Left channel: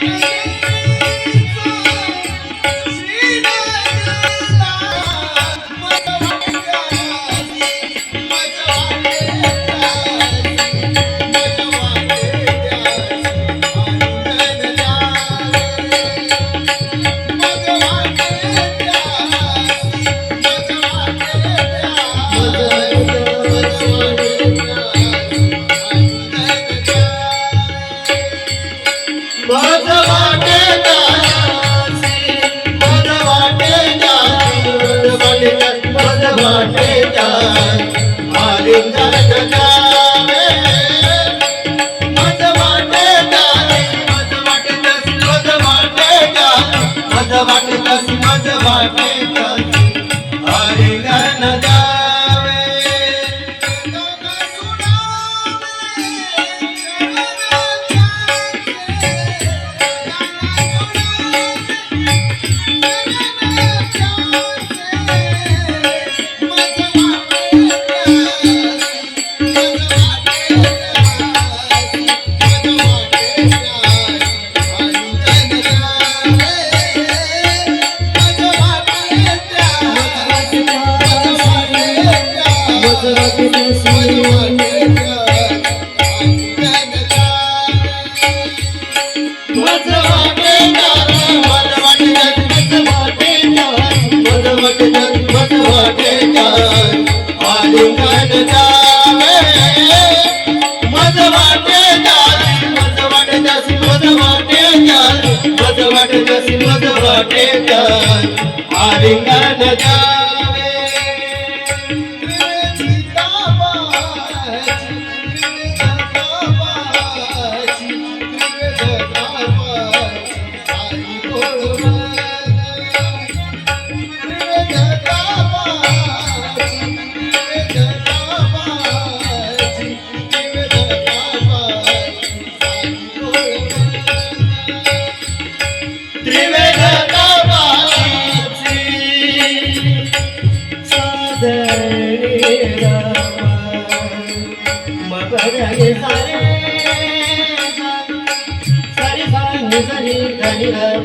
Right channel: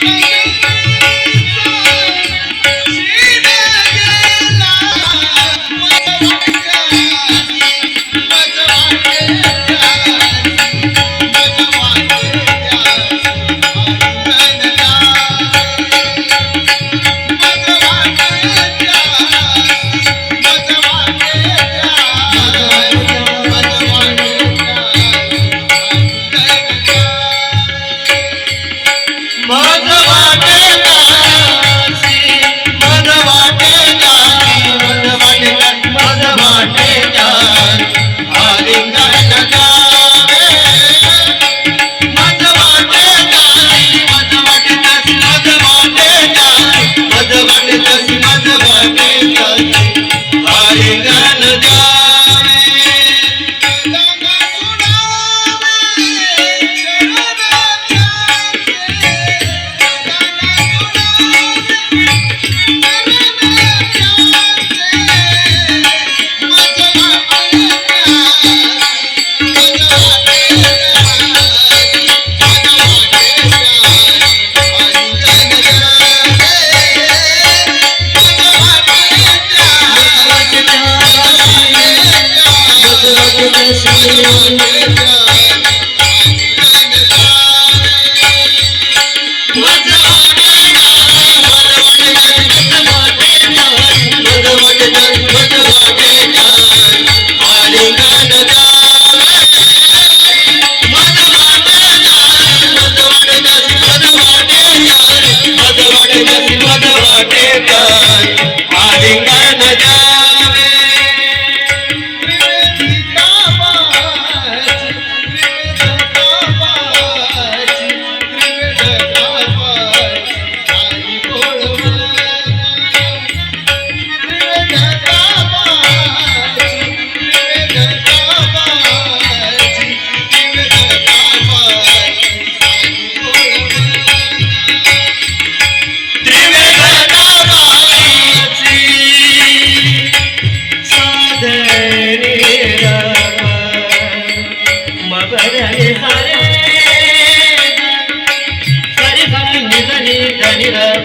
Thank you. मन वाटे Thank you. Da